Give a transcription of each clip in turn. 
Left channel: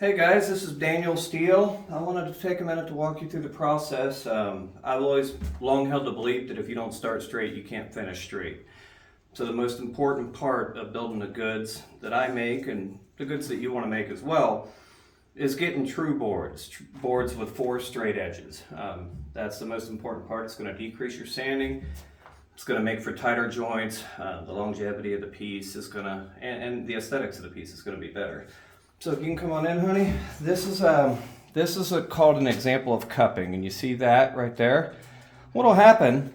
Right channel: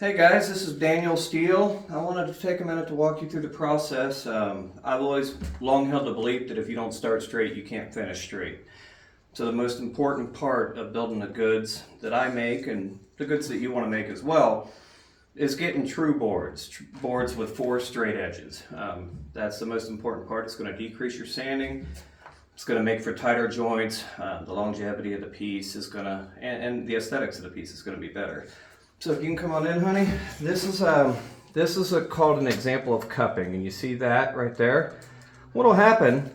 Hey guys, this is Daniel Steele. I wanted to take a minute to walk you through the process. I've always long held the belief that if you don't start straight, you can't finish straight. So the most important part of building the goods that I make and the goods that you want to make as well is getting true boards, boards with 4 straight edges. That's the most important part. It's going to decrease your sanding. It's going to make for tighter joints. The longevity of the piece is going to, and the aesthetics of the piece is going to be better. So if you can come on in, honey. This is called an example of cupping, and you see that right there. What'll happen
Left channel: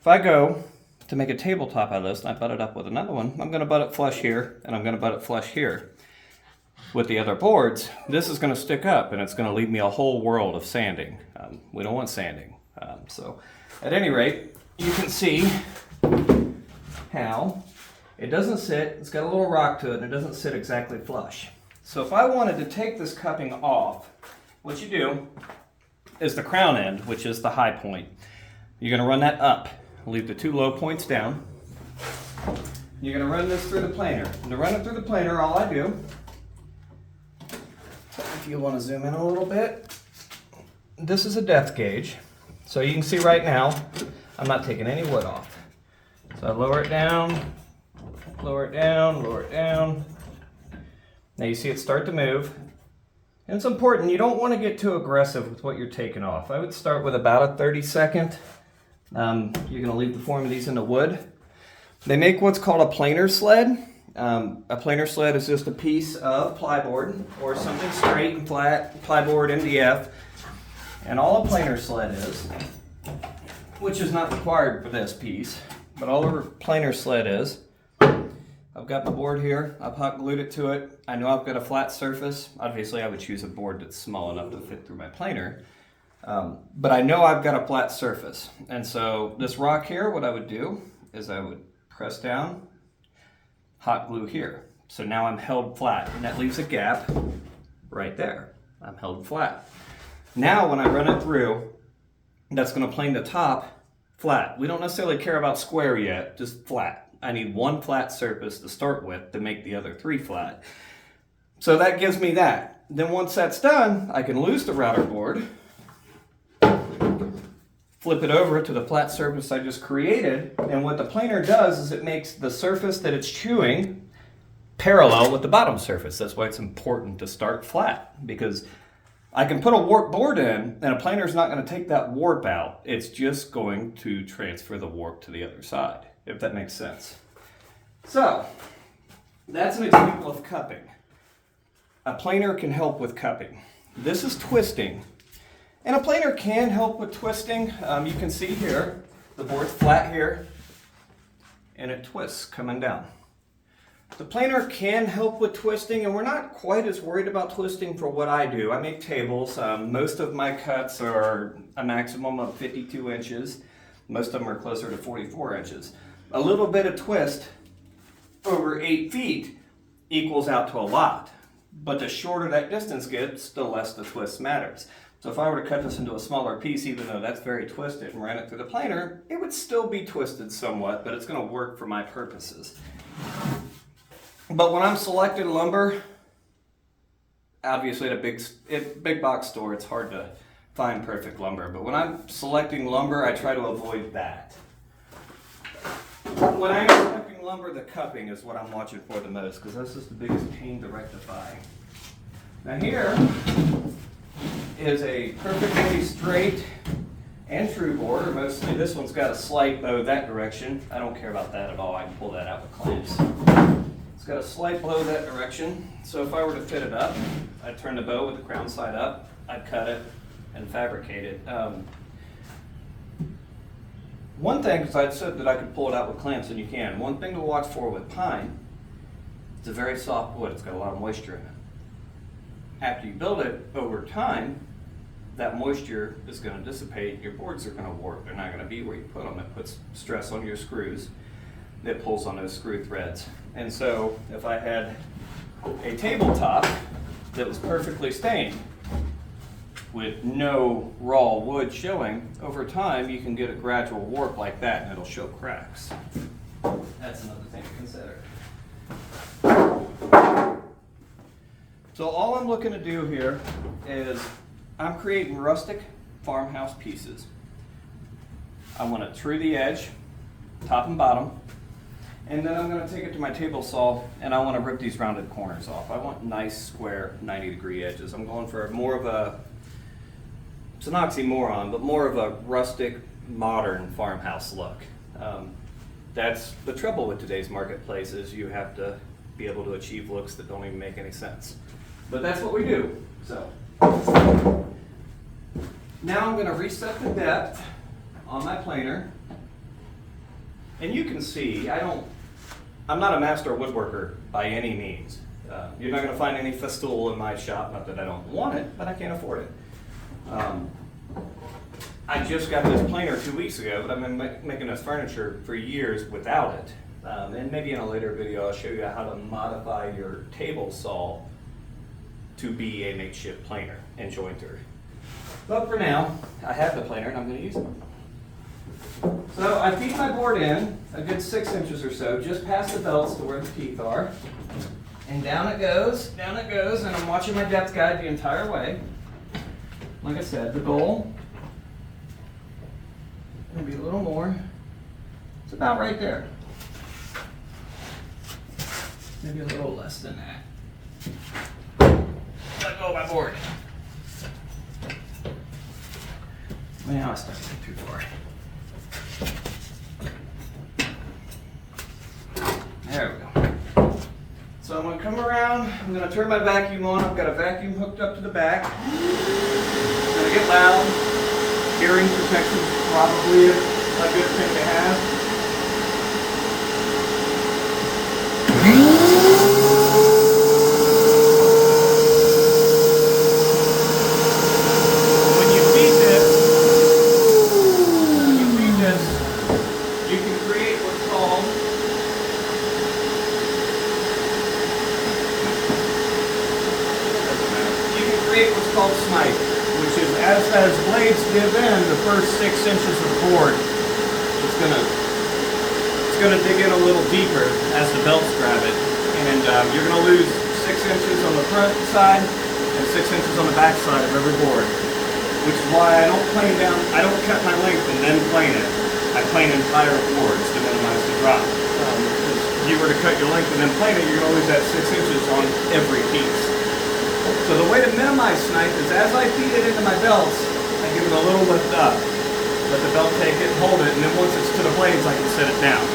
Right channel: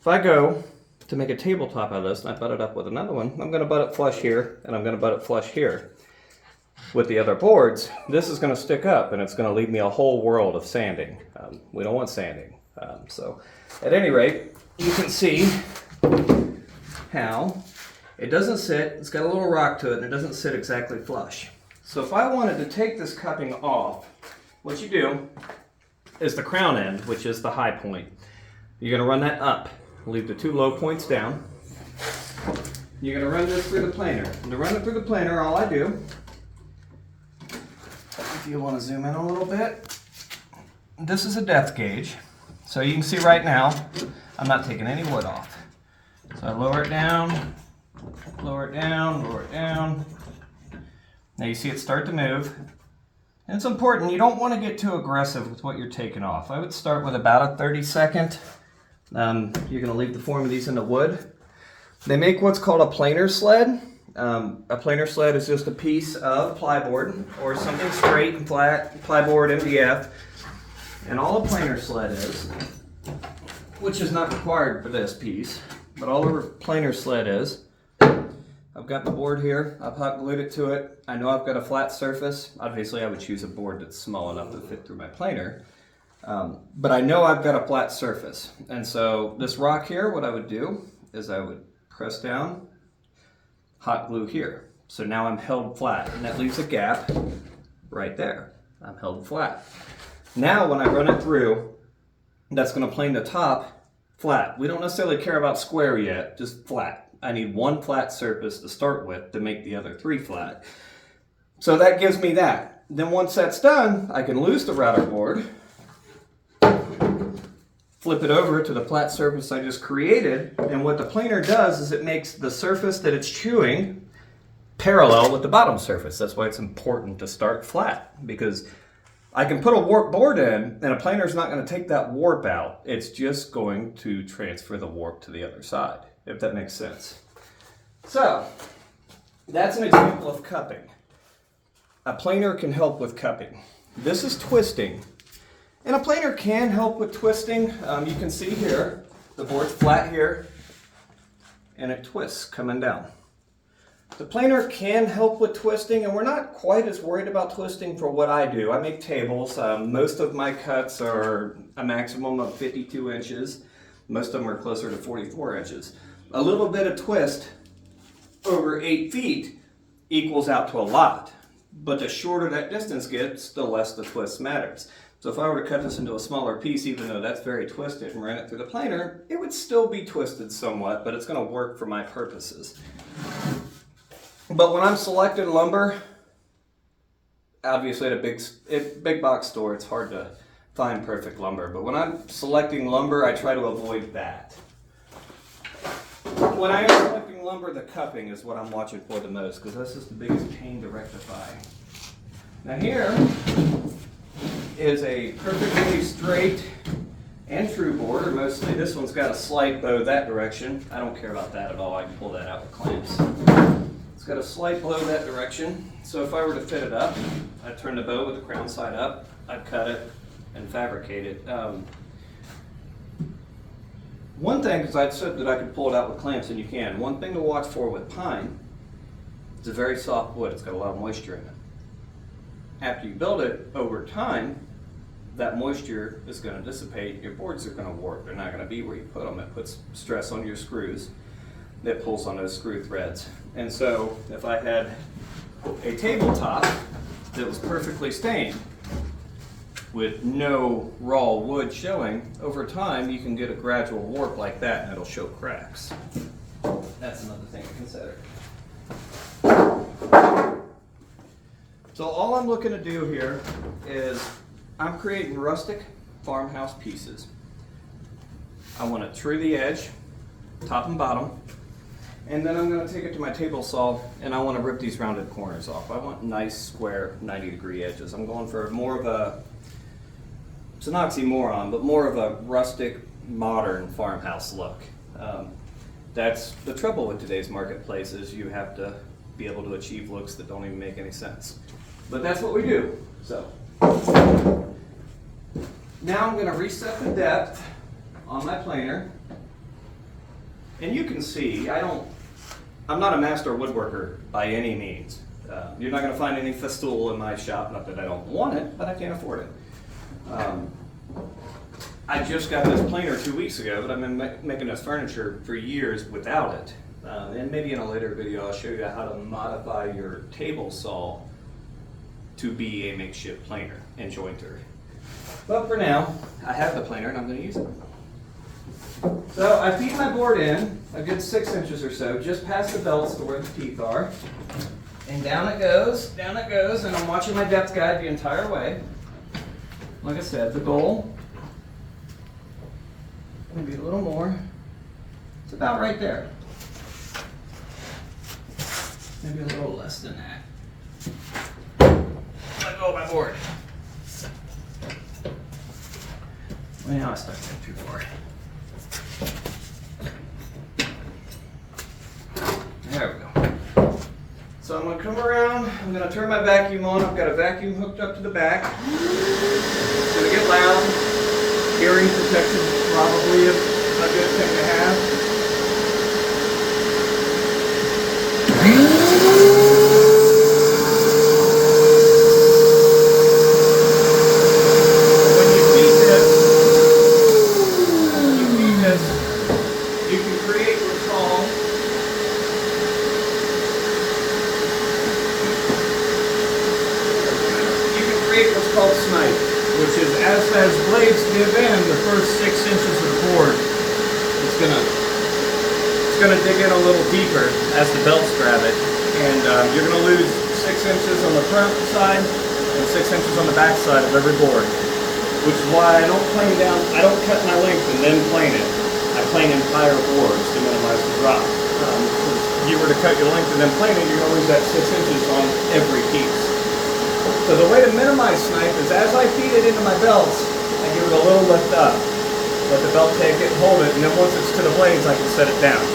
if I go to make a tabletop out of this and I butt it up with another one? I'm going to butt it flush here, and I'm going to butt it flush here. With the other boards, this is going to stick up, and it's going to leave me a whole world of sanding. We don't want sanding. So at any rate, you can see how it doesn't sit. It's got a little rock to it, and it doesn't sit exactly flush. So if I wanted to take this cupping off, what you do is the crown end, which is the high point. You're going to run that up, leave the 2 low points down. You're going to run this through the planer. And to run it through the planer, all I do, if you want to zoom in a little bit, this is a depth gauge. So you can see right now, I'm not taking any wood off. So I lower it down, lower it down, lower it down. Now you see it start to move. And it's important, you don't want to get too aggressive with what you're taking off. I would start with about a 30-second. You're going to leave the form of these into wood. They make what's called a planer sled. A planer sled is just a piece of plyboard or something straight and flat, plyboard, MDF. And all a planer sled is, which is not required for this piece, but all a planer sled is, I've got the board here, I've hot glued it to it. I know I've got a flat surface. Obviously I would choose a board that's small enough to fit through my planer. But I know I've got a flat surface. And so this rock here, what I would do is I would press down, hot glue here. So now I'm held flat, and that leaves a gap right there. I'm held flat. Now when I run it through, that's going to plane the top flat. We don't necessarily care about square yet, just flat. I need 1 flat surface to start with to make the other 3 flat. So that gives me that. Then once that's done, I can loose the router board, flip it over to the flat surface I just created, and what the planer does is it makes the surface that it's chewing parallel with the bottom surface. That's why it's important to start flat, because I can put a warp board in, and a planer is not going to take that warp out. It's just going to transfer the warp to the other side, if that makes sense. So, that's an example of cupping. A planer can help with cupping. This is twisting. And a planer can help with twisting. You can see here, the board's flat here, and it twists coming down. The planer can help with twisting, and we're not quite as worried about twisting for what I do. I make tables. Most of my cuts are a maximum of 52 inches. Most of them are closer to 44 inches. A little bit of twist over 8 feet equals out to a lot. But the shorter that distance gets, the less the twist matters. So if I were to cut this into a smaller piece, even though that's very twisted, and ran it through the planer, it would still be twisted somewhat, but it's going to work for my purposes. But when I'm selecting lumber, obviously at a big box store, it's hard to find perfect lumber. But when I'm selecting lumber, I try to avoid that. When I'm selecting lumber, the cupping is what I'm watching for the most, because that's just the biggest pain to rectify. Now here is a perfectly straight and true board, or mostly this one's got a slight bow that direction. I don't care about that at all. I can pull that out with clamps. It's got a slight blow that direction. So if I were to fit it up, I'd turn the bow with the crown side up, I'd cut it and fabricate it. One thing, because I said that I could pull it out with clamps, and you can. One thing to watch for with pine, it's a very soft wood. It's got a lot of moisture in it. After you build it, over time, that moisture is going to dissipate. Your boards are going to warp. They're not going to be where you put them. It puts stress on your screws. It pulls on those screw threads. And so if I had a tabletop that was perfectly stained with no raw wood showing, over time you can get a gradual warp like that, and it'll show cracks. That's another thing to consider. So all I'm looking to do here is I'm creating rustic farmhouse pieces. I want to true the edge, top and bottom, and then I'm going to take it to my table saw and I want to rip these rounded corners off. I want nice square 90-degree edges. I'm going for more of a, it's an oxymoron, but more of a rustic modern farmhouse look. That's the trouble with today's marketplace, is you have to be able to achieve looks that don't even make any sense. But that's what we do. So now I'm going to reset the depth on my planer. And you can see, I'm not a master woodworker by any means. You're not going to find any festool in my shop, not that I don't want it, but I can't afford it. I just got this planer 2 weeks ago, but I've been making this furniture for years without it. And maybe in a later video I'll show you how to modify your table saw to be a makeshift planer and jointer. But for now, I have the planer and I'm going to use it. So I feed my board in a good 6 inches or so, just past the belts to where the teeth are. And down it goes, and I'm watching my depth guide the entire way. Like I said, the goal will be a little more. It's about right there. Maybe a little less than that. Let go of my board. Well, I stuck it too far. There we go. So I'm going to come around, I'm going to turn my vacuum on. I've got a vacuum hooked up to the back. It's going to get loud. Hearing protection is probably a good thing to have. When you feed this, you can create what's called snipe, which is as blades give in the first 6 inches of the board, it's gonna dig in a little deeper as the belts grab it, and you're gonna lose 6 inches on the front side and 6 inches on the back side of every board, which is why I don't cut my length and then plane it. I plane entire boards to minimize the drop. If you were to cut your length and then plane it, you're gonna lose that 6 inches on every piece. So the way to minimize snipe is as I feed it into my belts, I give it a little lift up. Let the belt take it, hold it, and then once it's to the blades, I can set it down.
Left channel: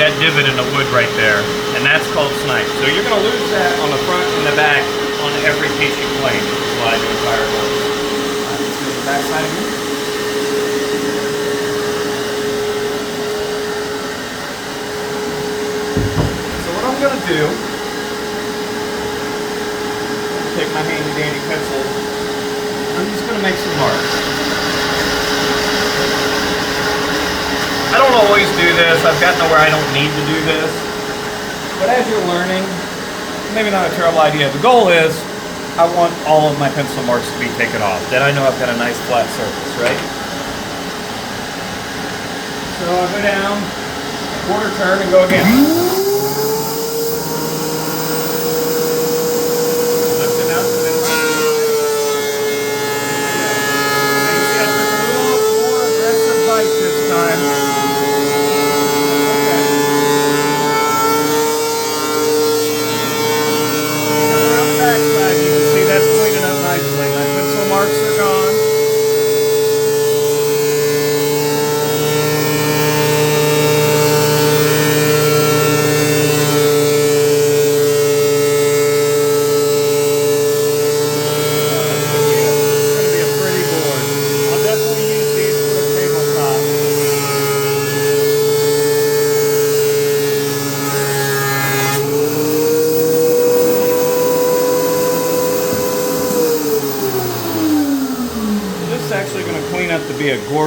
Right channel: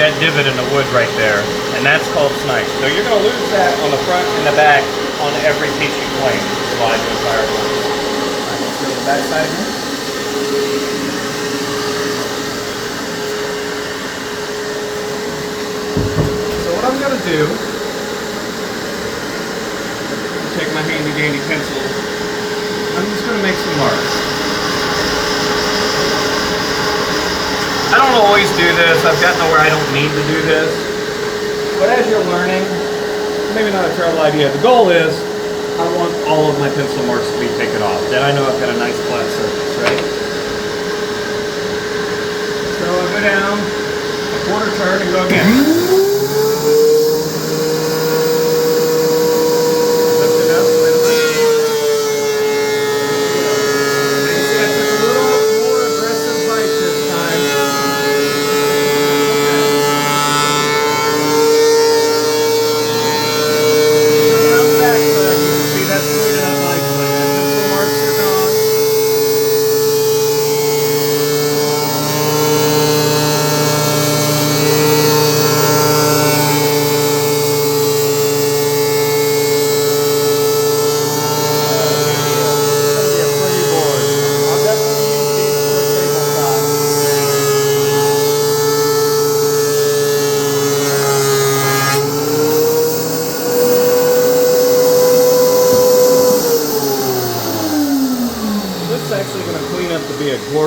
That divot in the wood right there, and that's called snipe. So you're going to lose that on the front and the back on every piece you plane. Let's go to the back side here. So what I'm going to do, take my handy dandy pencil, I'm just going to make some marks. I don't always do this. I've gotten to where I don't need to do this. But as you're learning, maybe not a terrible idea. The goal is I want all of my pencil marks to be taken off. Then I know I've got a nice flat surface, right? So I'll go down a quarter turn and go again.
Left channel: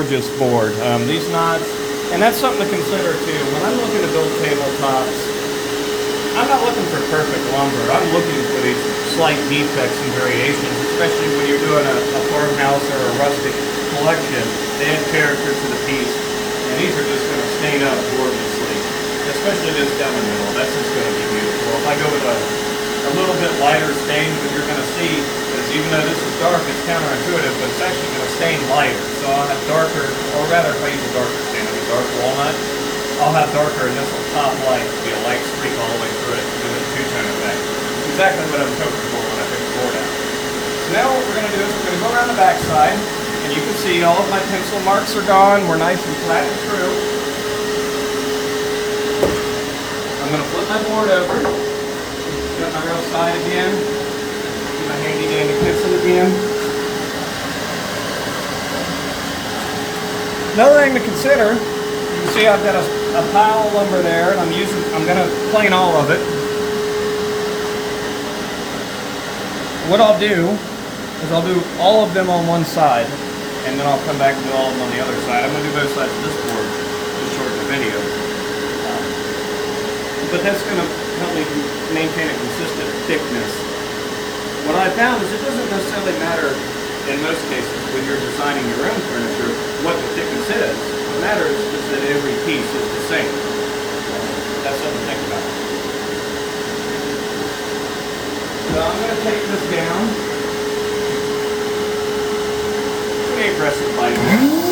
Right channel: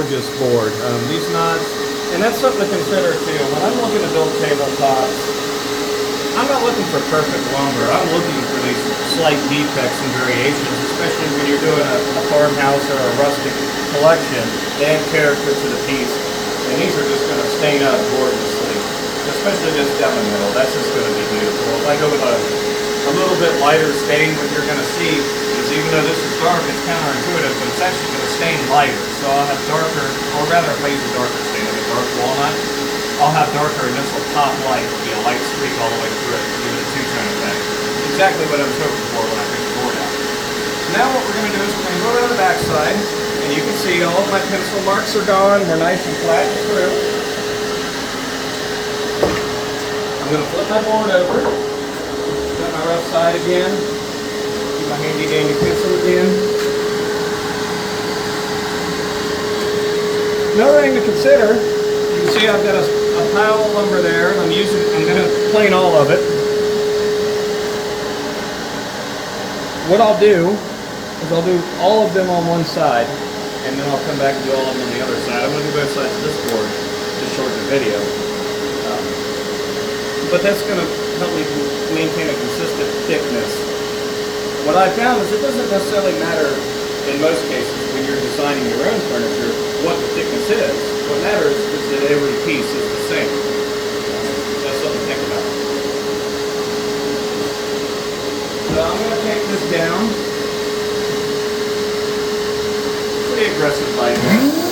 gorgeous board. These knots, and that's something to consider too. When I'm looking to build tabletops, I'm not looking for perfect lumber. I'm looking for these slight defects and variations, especially when you're doing a farmhouse or a rustic collection. They add character to the piece, and these are just going to stain up gorgeously. Especially this down the middle. That's just going to be beautiful. If I go with a little bit lighter stain, what you're going to see is, even though this is dark, it's counterintuitive, but it's actually going to stain lighter. So I'll have darker, or rather if I use a darker stain, like a dark walnut, I'll have darker, and this will pop light, be a light streak all the way through it, give it a two-tone effect. Exactly what I was hoping for when I picked the board out. Now what we're going to do is we're going to go around the back side, and you can see all of my pencil marks are gone. We're nice and flat and through. I'm going to flip my board over, get my rough side again, get my handy dandy pencil again. Another thing to consider, you can see I've got a pile of lumber there, and I'm going to plane all of it. What I'll do is I'll do all of them on one side, and then I'll come back and do all of them on the other side. I'm going to do both sides of this board to shorten the video. But that's going to help me maintain a consistent thickness. What I found is it doesn't necessarily matter in most cases when you're designing your own furniture what the thickness is. What matters is that every piece is the same. That's something to think about. So I'm going to take this down. Pretty aggressive lighting.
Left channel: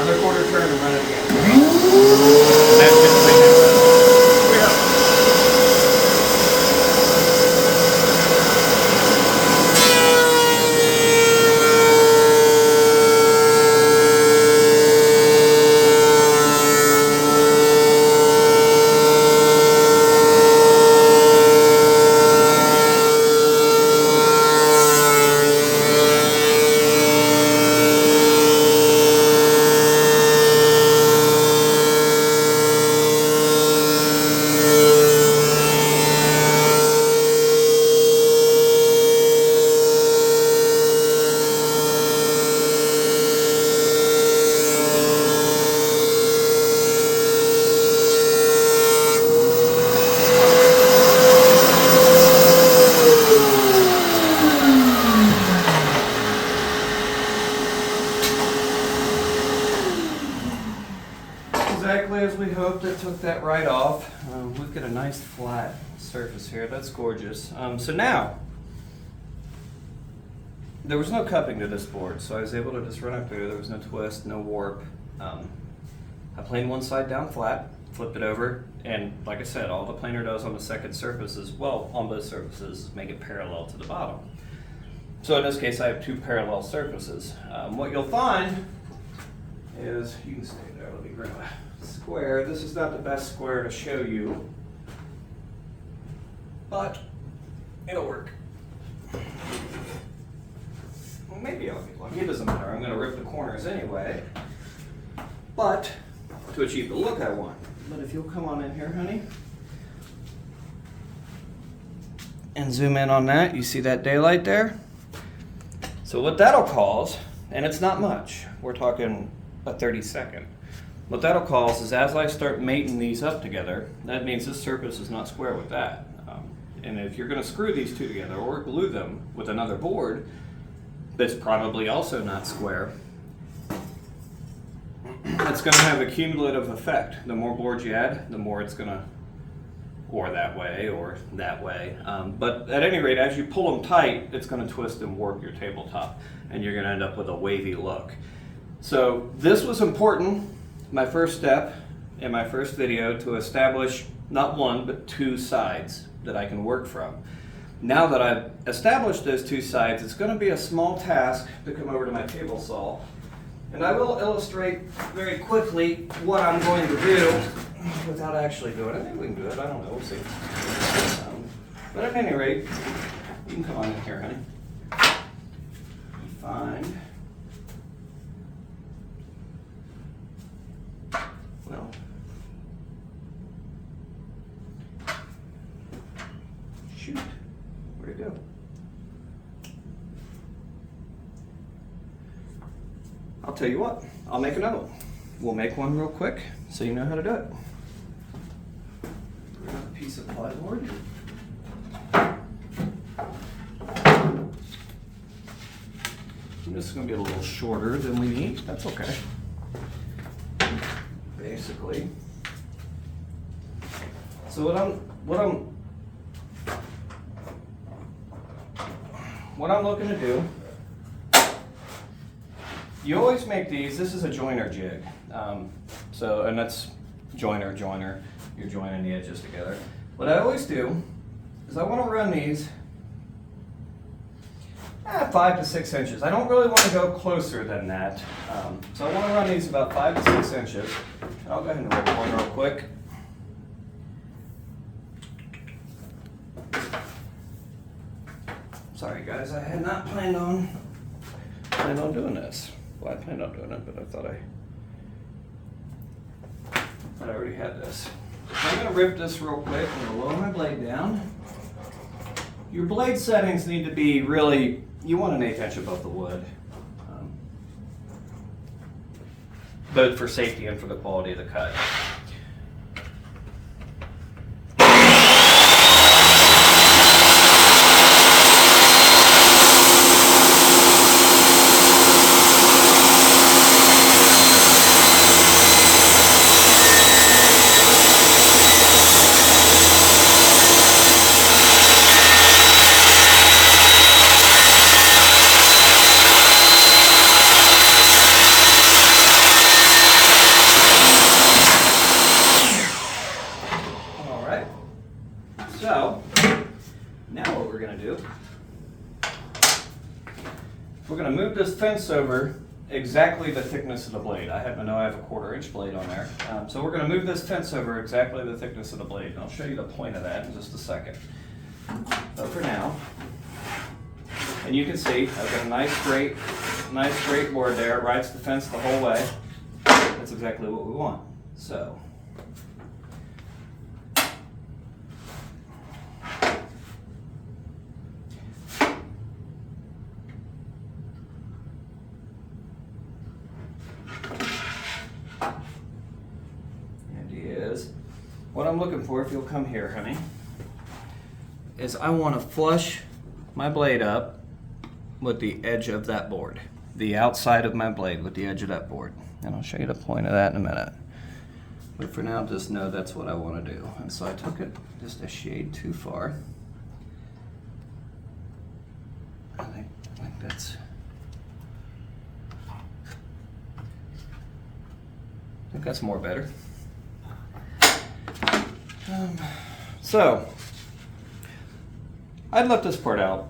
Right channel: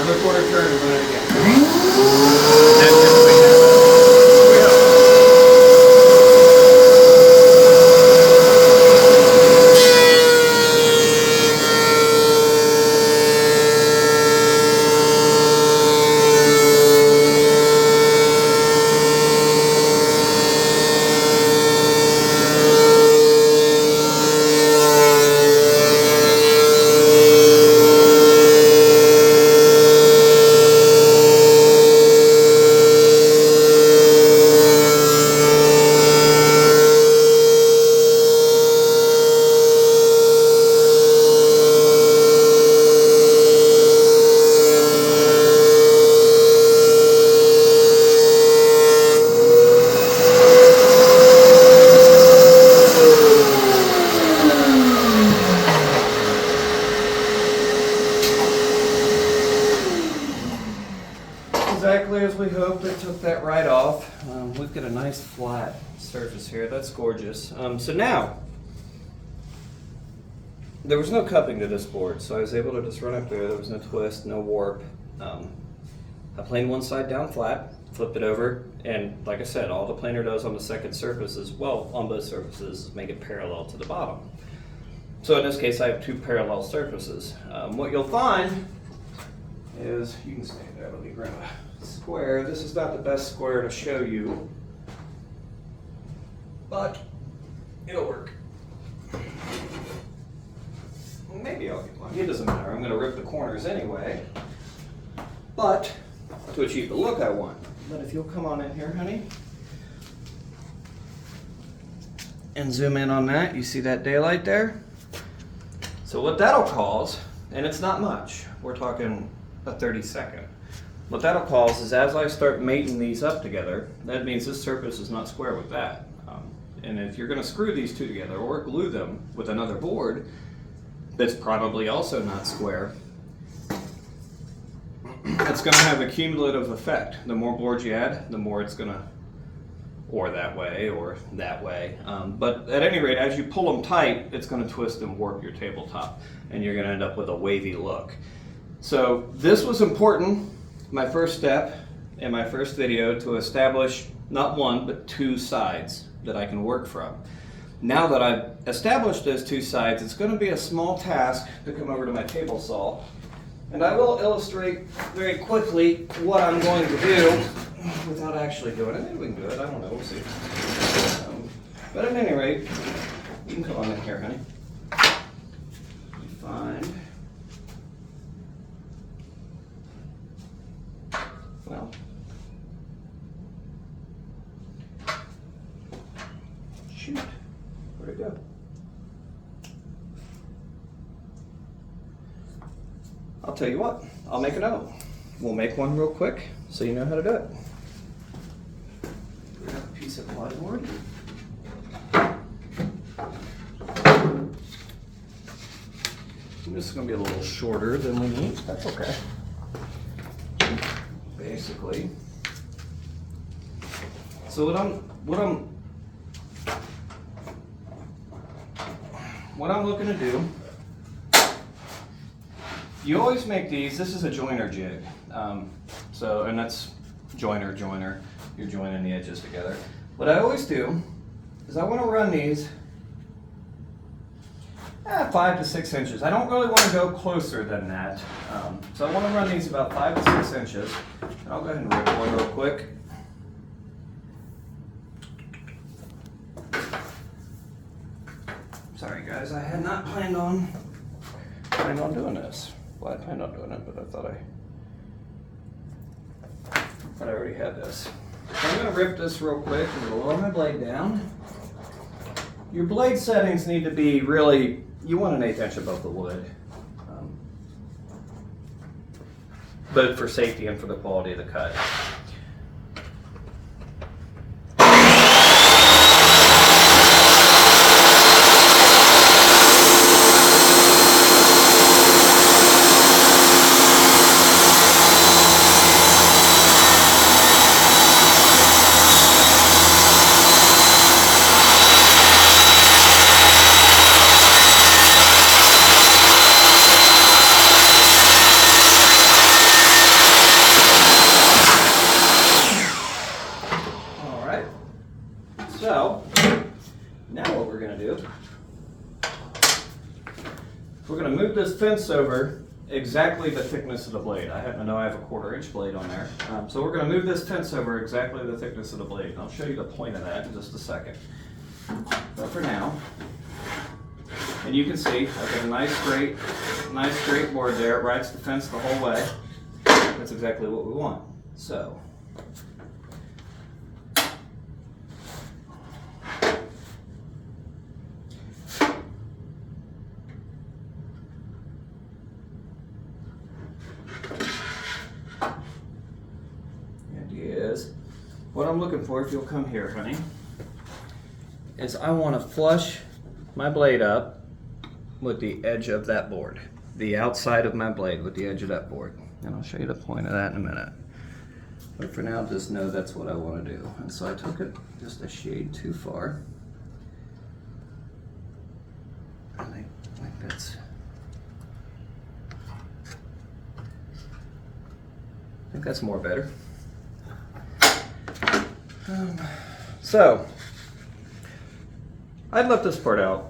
Another quarter turn and run it again. Exactly as we hoped. It took that right off. We've got a nice flat surface here. That's gorgeous. So now, there was no cupping to this board, so I was able to just run it through. There was no twist, no warp. I planed one side down flat, flipped it over, and like I said, all the planer does on the second surface is, well, on both surfaces, is make it parallel to the bottom. So in this case, I have two parallel surfaces. What you'll find is, you can stay there, let me grab a square. This is not the best square to show you, but it'll work. Well, maybe I'll get lucky. It doesn't matter. I'm going to rip the corners anyway, but to achieve the look I want. But if you'll come on in here, honey, and zoom in on that, you see that daylight there? So what that'll cause, and it's not much, we're talking a 30-second, what that'll cause is as I start mating these up together, that means this surface is not square with that. And if you're going to screw these two together or glue them with another board that's probably also not square, it's going to have a cumulative effect. The more boards you add, the more it's going to, or that way, or that way. But at any rate, as you pull them tight, it's going to twist and warp your tabletop, and you're going to end up with a wavy look. So this was important, my first step in my first video, to establish not one, but two sides that I can work from. Now that I've established those two sides, it's going to be a small task to come over to my table saw. And I will illustrate very quickly what I'm going to do without actually doing it. Maybe we can do it, I don't know, we'll see. But at any rate, you can come on in here, honey. Fine. Well, shoot, where'd it go? I'll tell you what, I'll make a note. We'll make one real quick so you know how to do it. Grab a piece of plywood. This is going to be a little shorter than we need. That's okay. Basically. So what I'm looking to do, you always make these, this is a joiner jig. And that's joiner, you're joining the edges together. What I always do is I want to run these 5 to 6 inches. I don't really want to go closer than that. So I want to run these about 5 to 6 inches. I'll go ahead and record real quick. Sorry guys, I had not planned on doing this. Well, I planned on doing it, but I thought I already had this. So I'm going to rip this real quick and lower my blade down. Your blade settings need to be really, you want an 1/8 inch above the wood. Both for safety and for the quality of the cut. So, now what we're going to do, we're going to move this fence over exactly the thickness of the blade. I happen to know I have a 1/4 inch blade on there. So we're going to move this fence over exactly the thickness of the blade. And I'll show you the point of that in just a second. But for now, and you can see I've got a nice straight board there. It rides the fence the whole way. That's exactly what we want. So, what I'm looking for, if you'll come here, honey, is I want to flush my blade up with the edge of that board. The outside of my blade with the edge of that board. And I'll show you the point of that in a minute. But for now, just know that's what I want to do. And so I took it just a shade too far. I think that's... I think that's more better. So, I'd left this part out.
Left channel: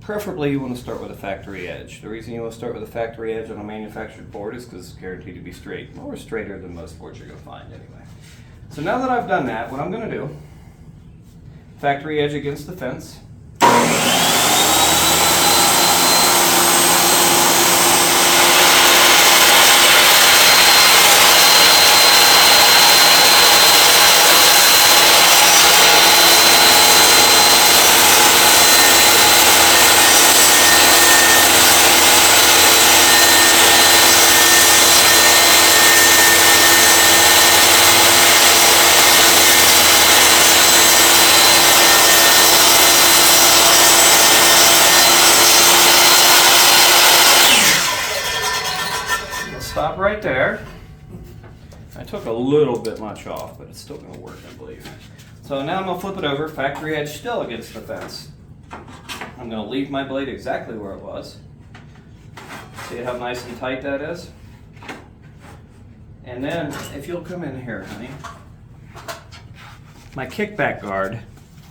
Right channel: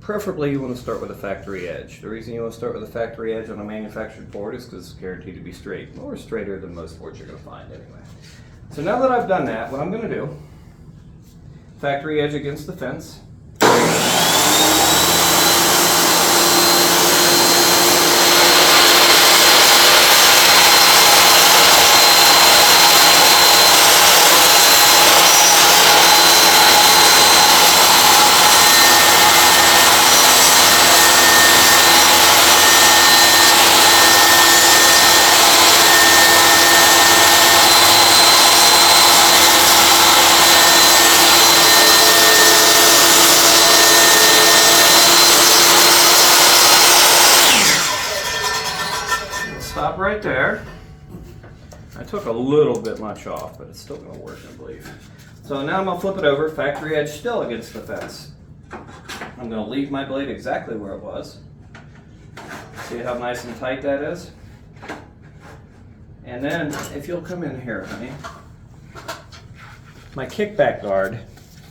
Preferably you want to start with a factory edge. The reason you want to start with a factory edge on a manufactured board is because it's guaranteed to be straight, or straighter than most boards you're going to find anyway. So now that I've done that, what I'm going to do, factory edge against the fence. right there. I took a little bit much off, but it's still gonna work, I believe. So now I'm gonna flip it over, factory edge still against the fence. I'm gonna leave my blade exactly where it was. See how nice and tight that is? And then, if you'll come in here, honey, my kickback guard,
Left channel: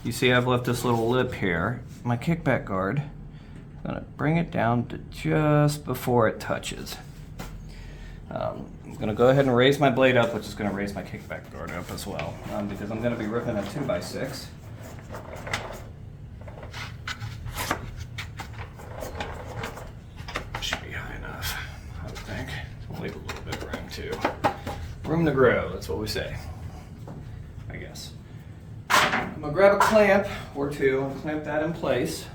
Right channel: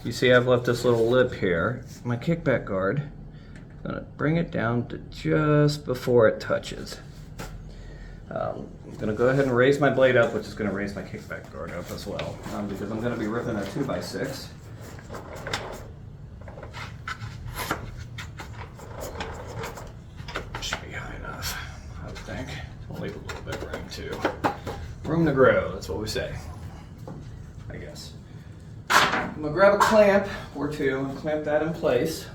you see I've left this little lip here. My kickback guard, I'm gonna bring it down to just before it touches. I'm gonna go ahead and raise my blade up, which is gonna raise my kickback guard up as well, because I'm gonna be ripping a 2x6. Should be high enough, I would think. I'll leave a little bit of room too. Room to grow, that's what we say, I guess. I'm gonna grab a clamp or two and clamp that in place.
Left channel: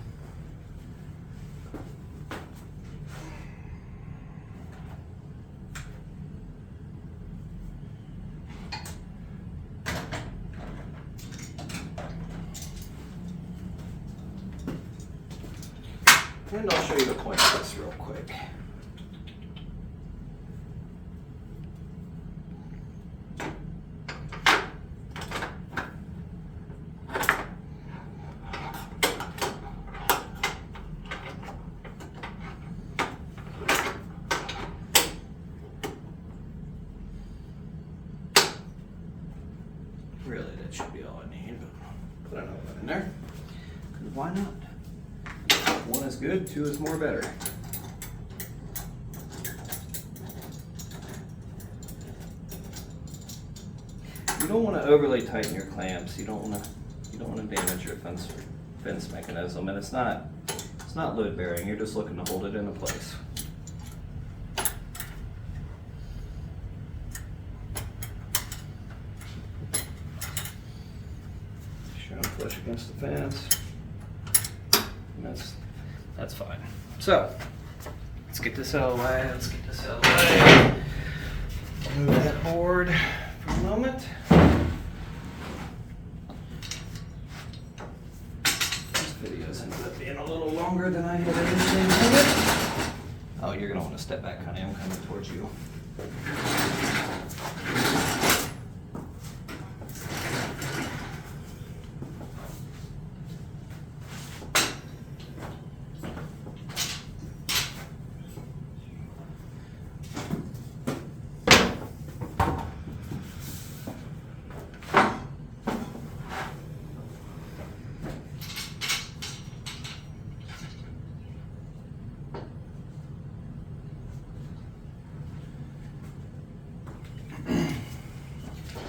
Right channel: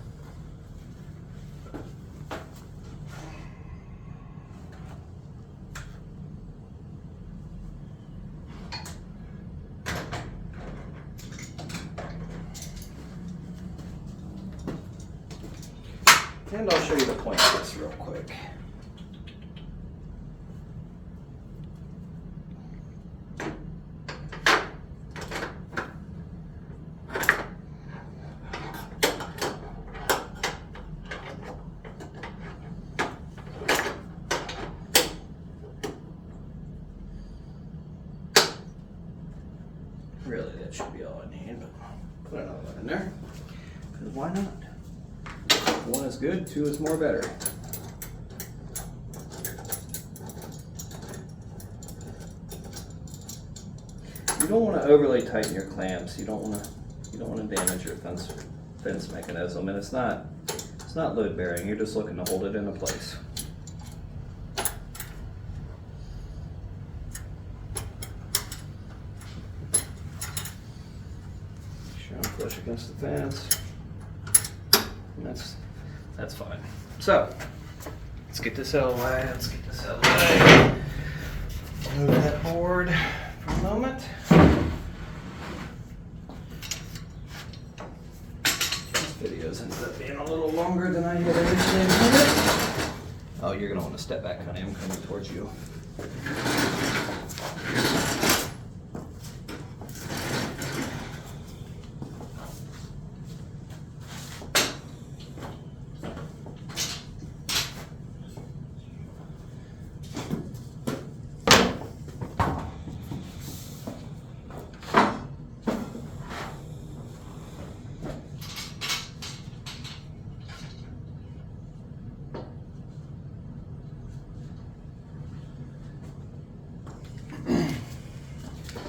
And I'll show you the point of this real quick. Really, that should be all I need, but put another one in there, because why not? One is good, two is more better. You don't want to overly tighten your clamps. You don't want to damage your fence mechanism, and it's not load bearing. You're just looking to hold it into place. Trying to push against the fence. And that's fine. So, let's get this out of the way. Move that board for a moment. This video's ended up being a little longer than I had initially intended. Oh, you're gonna want to step back, honey. I'm coming towards you.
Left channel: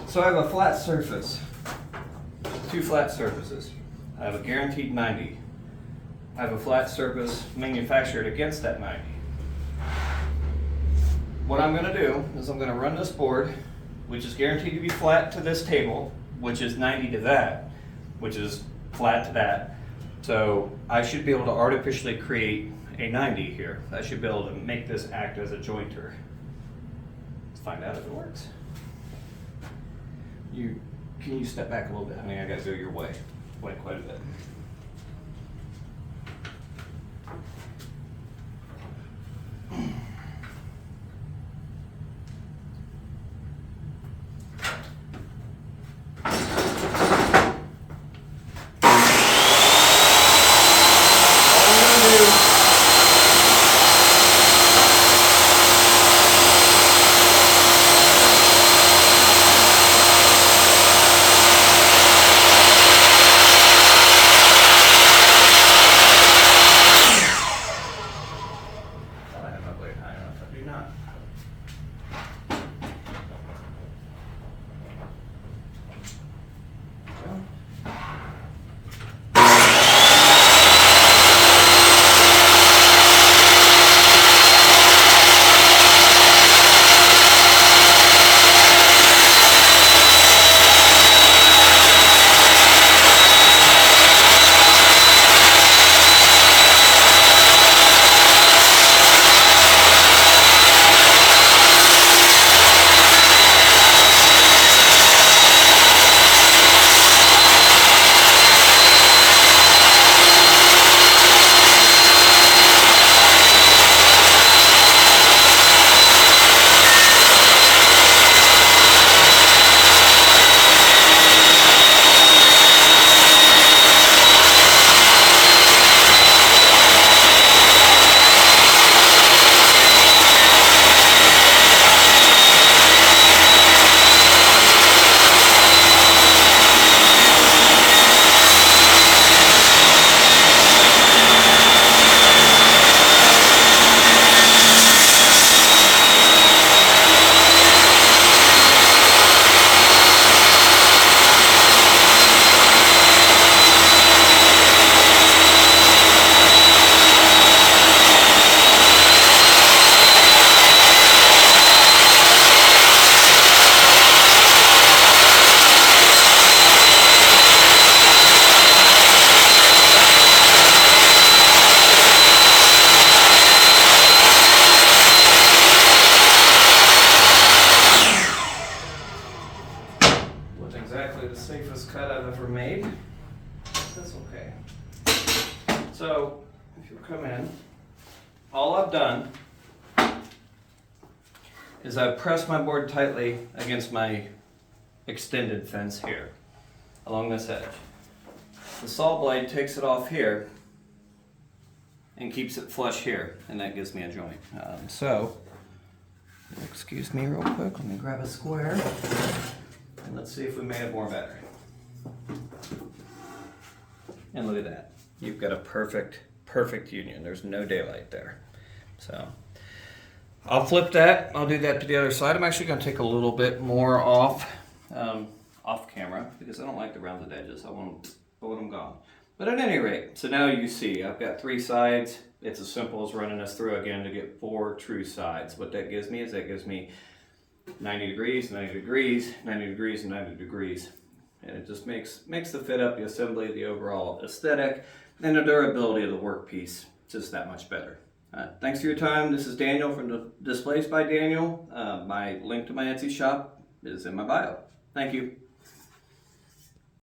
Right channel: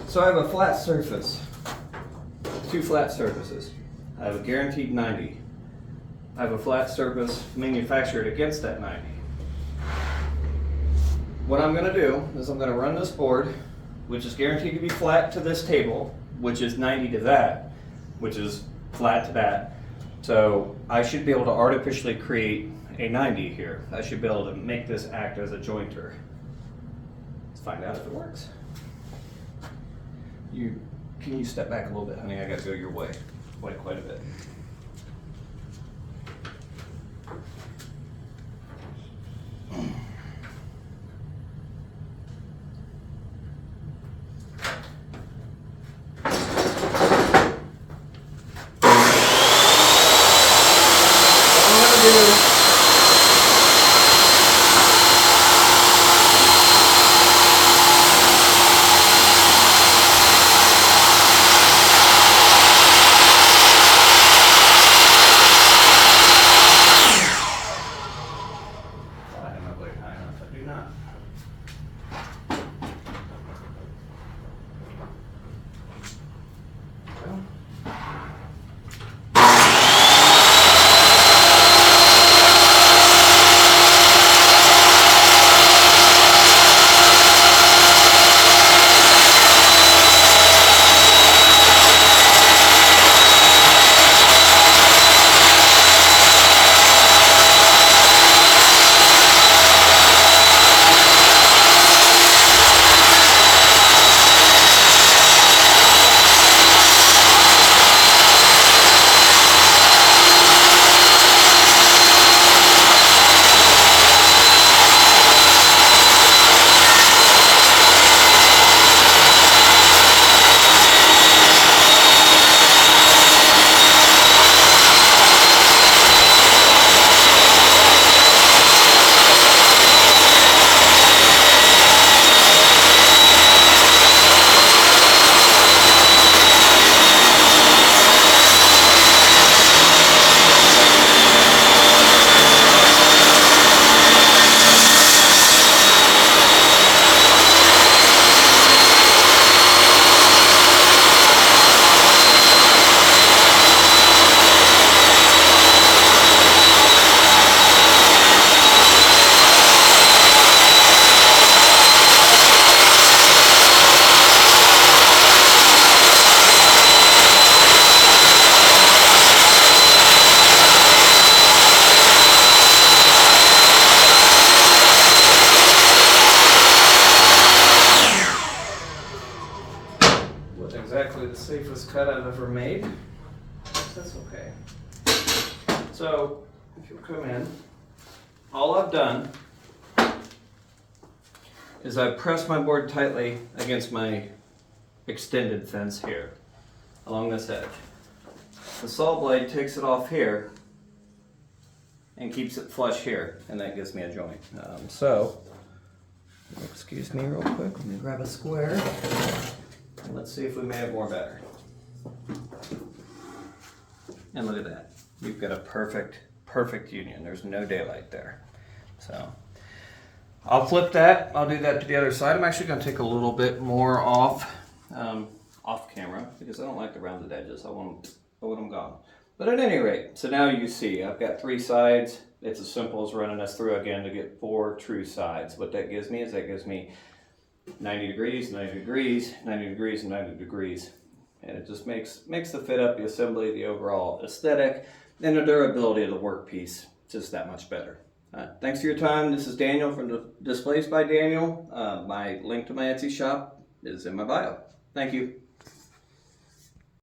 So I have a flat surface, two flat surfaces. I have a guaranteed 90. I have a flat surface manufactured against that 90. What I'm gonna do is I'm gonna run this board, which is guaranteed to be flat to this table, which is 90 to that, which is flat to that. So I should be able to artificially create a 90 here. I should be able to make this act as a jointer. Let's find out if it works. Can you step back a little bit, honey? I gotta go your way, quite a bit. ever made. That's okay. So, if you'll come in, all I've done is I've pressed my board tightly against my extended fence here, along this edge. The saw blade takes it off here and keeps it flush here, and that gives me a joint. So, excuse me real quick, let me grab a square, and let's see if we made it more better. And look at that. You've got a perfect union. There's no daylight there. So I'll flip that. I'll do that to the other side. I'm actually going to take a little bit more off camera because I don't like the rounded edges. I want them gone. But at any rate, so now you see I've got 3 sides. It's as simple as running this through again to get 4 true sides. What that gives me is 90 degrees, 90 degrees, 90 degrees, and 90 degrees. And it just makes the fit up, the assembly, the overall aesthetic, and the durability of the workpiece just that much better. Thanks for your time. This is Daniel from Displays by Daniel. My link to my Etsy shop is in my bio. Thank you.